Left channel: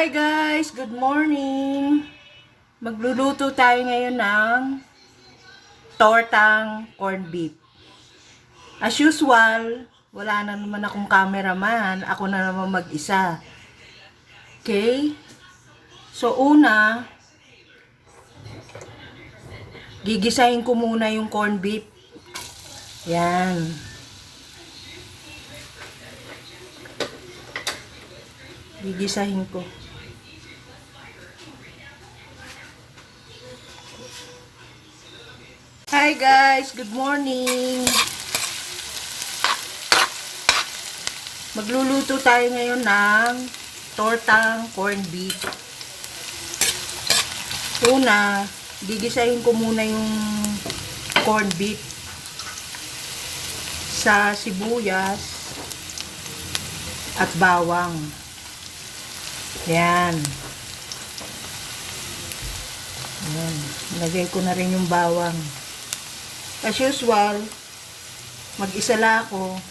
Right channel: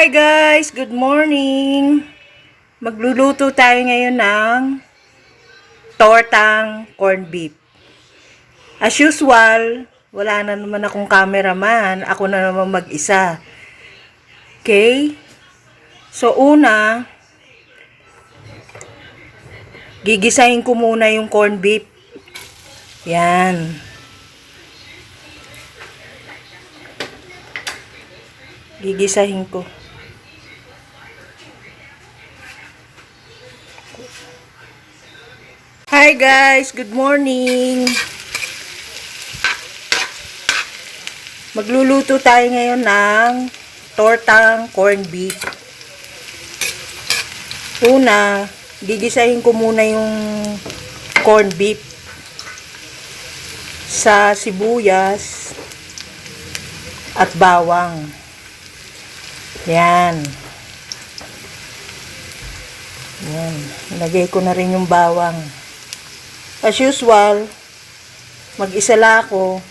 Hi guys! Good morning! Magluluto tayo ngayon ng tortang corned beef. As usual, wala na naman akong cameraman. Ako na naman mag-isa. Okay? So una, gigisahin ko muna yung corned beef. Yan. Gigisahin ko. Hi guys! Good morning! Magluluto tayo ngayon ng tortang corned beef. Una, gigisahin ko muna yung corned beef sa sibuyas at bawang. Yan. Yan. Ilagay ko na rin yung bawang. As usual, mag-isa lang ako.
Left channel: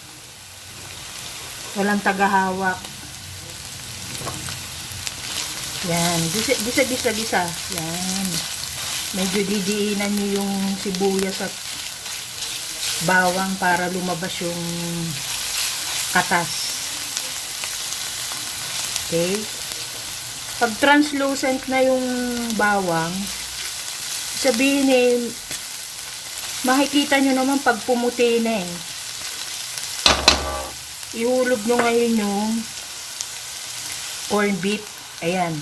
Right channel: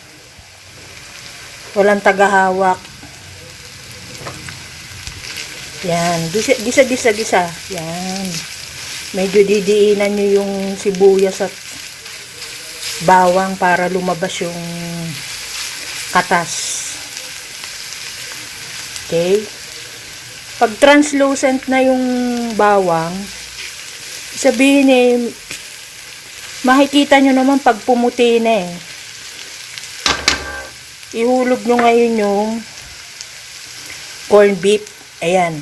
Walang tagahawak. Yan. Gisa. Yan. Medyo didiinan nyo yung sibuyas at bawang para lumabas yung katas. Okay? Pag translucent na yung bawang, sabihin makikita nyo naman pag pumuti na eh. Ihulog nyo ngayon yung corned beef. Ayan.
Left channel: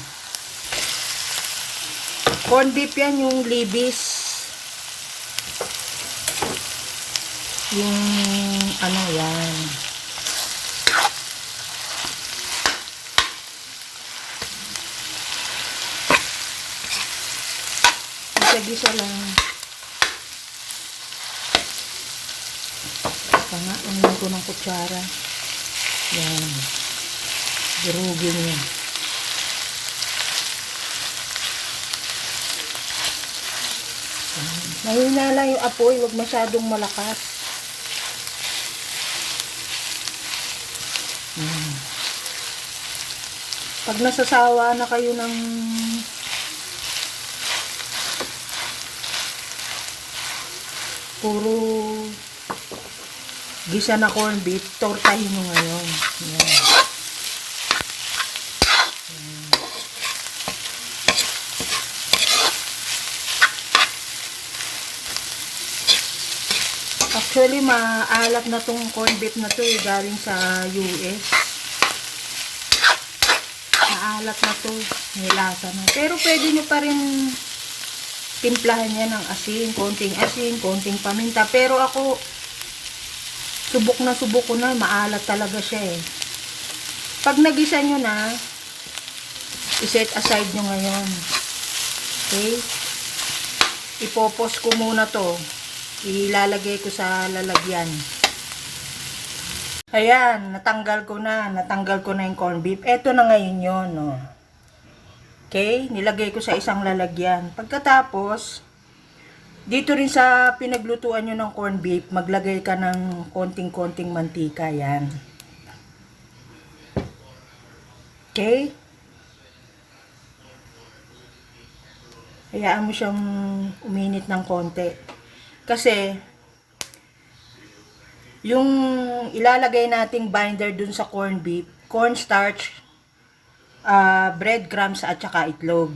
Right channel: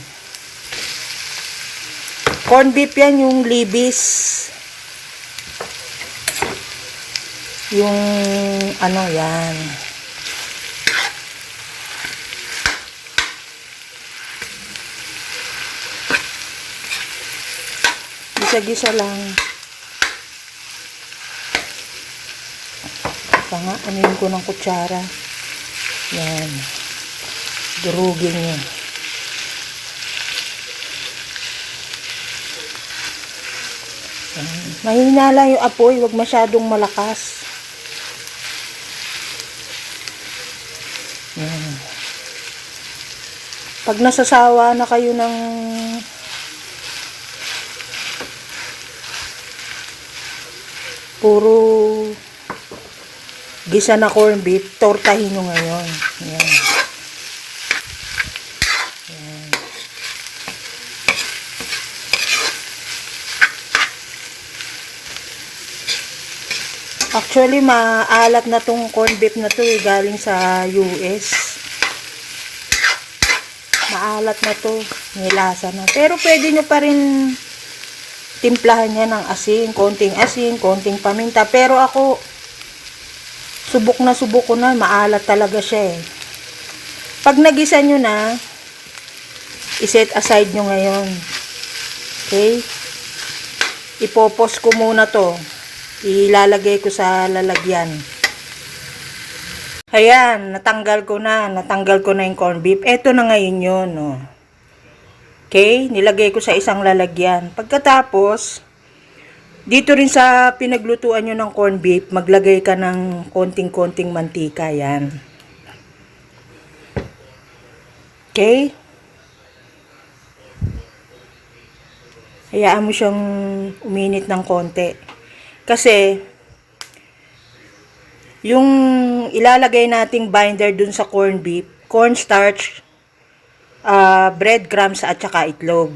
Corned beef yan, yung libis. Yung ano yan. Gisa-gisa lang. Anuin ko ng kutsara. Yan. Durugin nyo. Mahina lang yung apoy. Huwag masyadong malakas. Yan. Pag nasasawa na kayo ng puro gisa na corned beef, tortahin nyo ngayon. Yan. Yan. Actually, maalat na tong corned beef na to galing sa US. Maalat na to. May lasa na. Pero pwede nyo pa rin timplahan niya ng asin, konting paminta. Pero ako, subok ko na, maalat talaga siya eh. Pag nagisa nyo na, iset aside nyo ngayon. Okay? Ipopos ko muna to. Ilalagay ko sa lalagyan. Ayan, natanggal ko na yung corned beef. Eto na ngayon yun, no. Okay? Nilagay ko sa isang lalagyan. Pagkatapos, dito rin sa pinaglutuan nyo ng corned beef, maglagay ka ng konting mantika. Yan. Okay? Hayaan mo siyang uminit ng konti. Kasi, yung ilalagay nating binder dun sa corned beef, cornstarch, breadcrumbs at saka itlog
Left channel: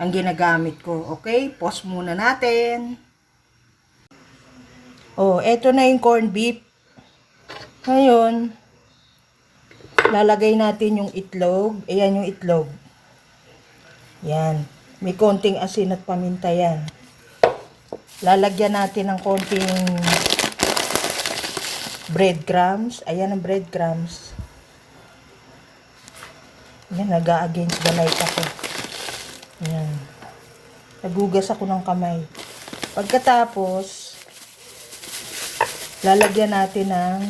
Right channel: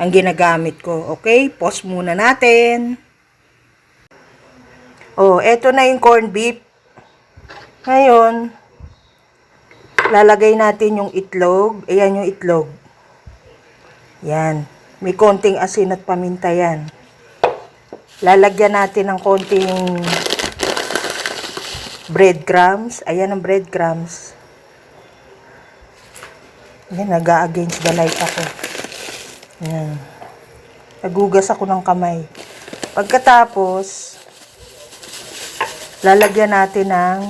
ang ginagamit ko. Okay? Pause muna natin. Oh, eto na yung corned beef. Ngayon, lalagay natin yung itlog. Ayan yung itlog. Yan. May konting asin at paminta yan. Lalagyan natin ng konting breadcrumbs. Ayan ang breadcrumbs. Yan, nag-a-against the light ako. Yan. Nagugas ako ng kamay. Pagkatapos, lalagyan natin ng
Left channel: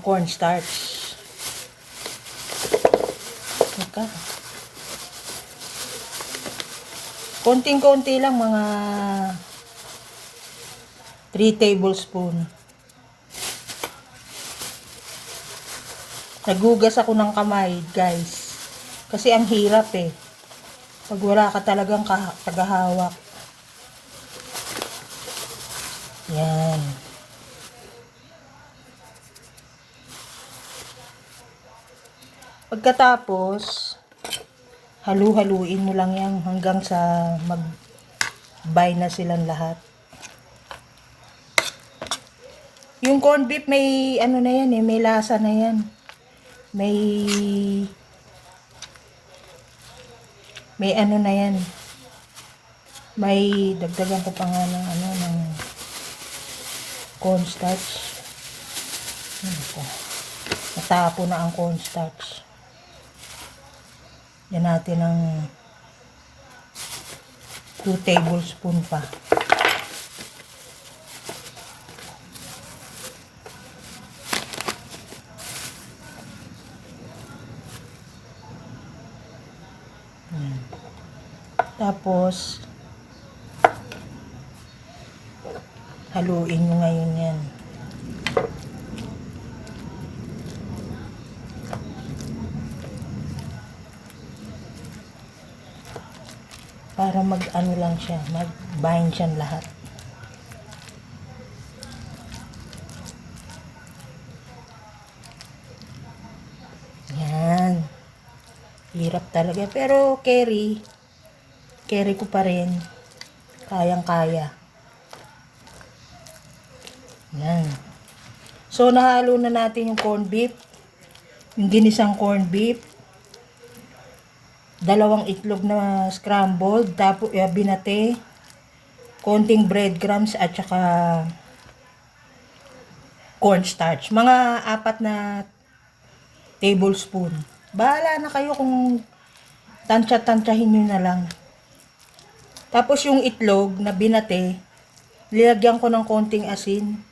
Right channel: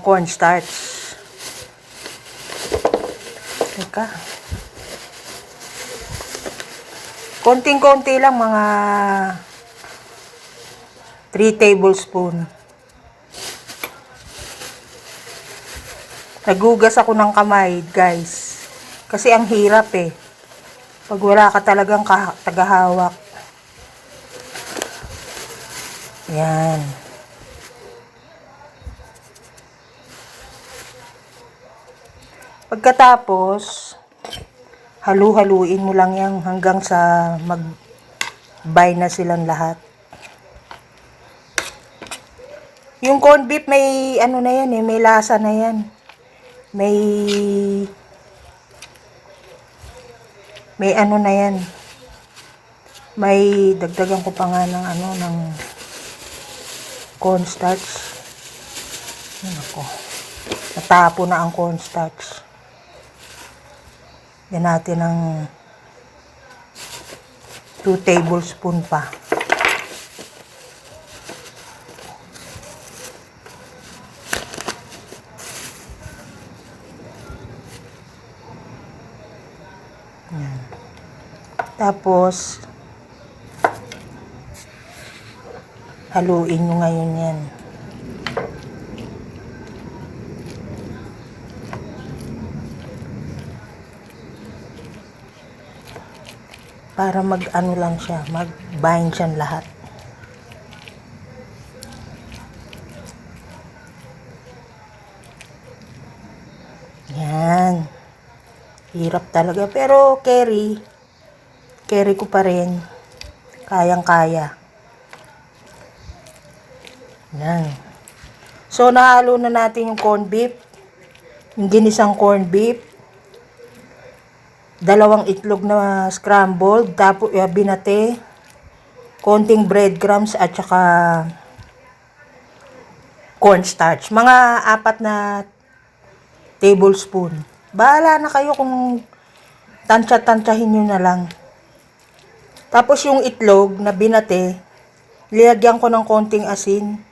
cornstarch. Teka. Konting-konti lang, mga 3 tablespoon. Nagugas ako ng kamay, guys. Kasi ang hirap eh. Pag wala ka talagang tagahawak. Yan. Pagkatapos, halu-haluin mo lang yan hanggang sa mag-buy na silang lahat. Yung corned beef may ano na yan eh, may lasa na yan. May ano na yan. May dagdagan ko pa nga ng ano, ng cornstarch. Ako. Natapo na ang cornstarch. Yan natin ng 2 tablespoon pa. Yan. Tapos, haluin nyo ngayon yan. Para mag-ano lang siya, mag-bind siya lahat. Yan. Hirap talaga. Pero carry ko pa rin. Kayang-kaya. Yan. So, nahalo na natin yung corned beef. Yung ginisang corned beef. 2 itlog na scrambled, tapos binate, konting breadcrumbs at saka cornstarch. Mga 4 na tablespoon. Bahala na kayo kung tansya-tansyahin nyo na lang. Tapos yung itlog na binate, nilagyan ko ng konting asin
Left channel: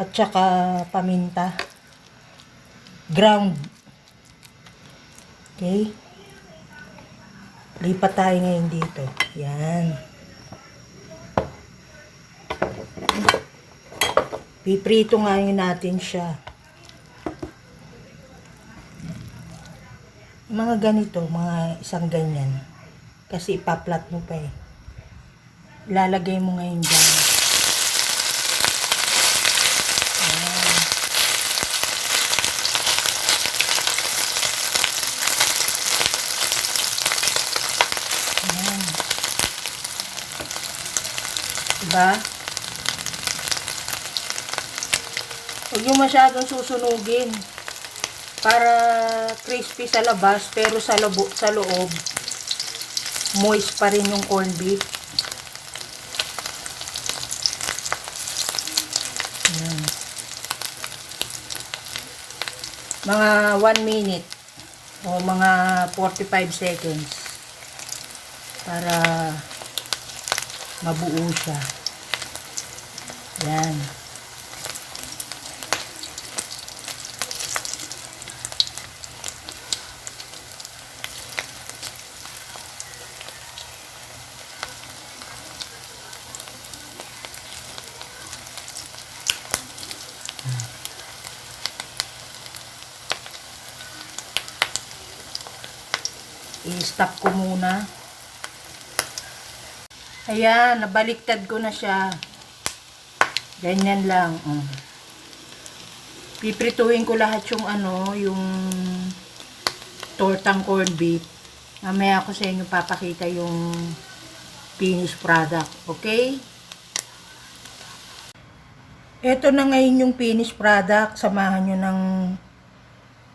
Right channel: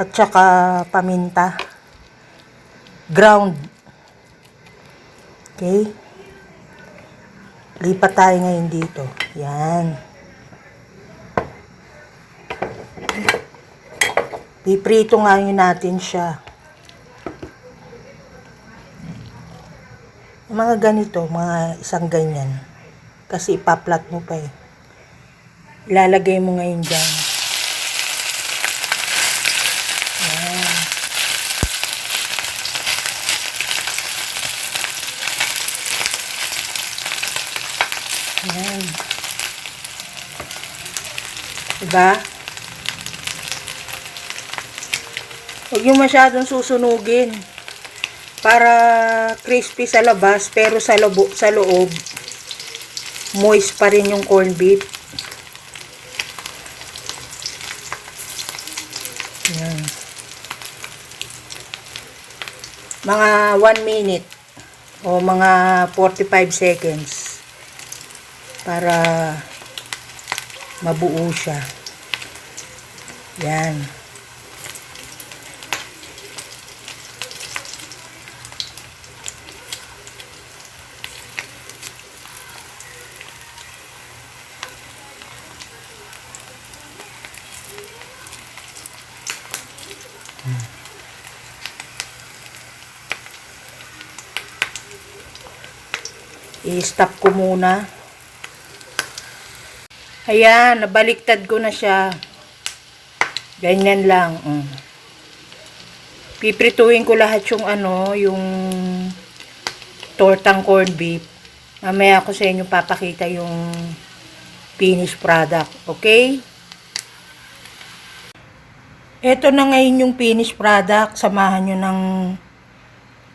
at saka paminta. Ground. Okay? Lipat tayo ngayon dito. Yan. Piprito ngayon natin siya. Mga ganito, mga isang ganyan. Kasi ipaplat mo pa eh. Ilalagay mo ngayon dyan. Yan. Yan. Diba? Huwag yung masyadong susunugin. Para crispy sa labas, pero sa loob, moist pa rin yung corned beef. Yan. Mga 1 minute o mga 45 seconds para mabuo siya. Yan. I-stop ko muna. Ayan, nabaliktad ko na siya. Ganyan lang. Piprituin ko lahat yung yung tortang corned beef. Mamaya ko sa inyo papakita yung finished product. Okay? Ito na ngayon yung finished product. Samahan nyo ng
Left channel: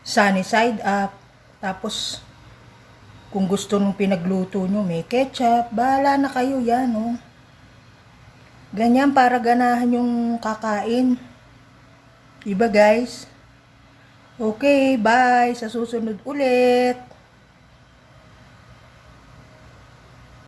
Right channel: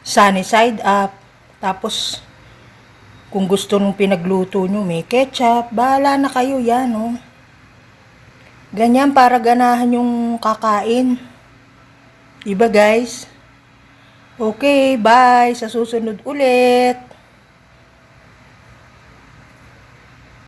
sunny side up. Tapos, kung gusto nung pinagluto nyo, may ketchup, bahala na kayo yan, oh. Ganyan para ganahan yung kakain. Diba, guys? Okay, bye. Sa susunod ulit.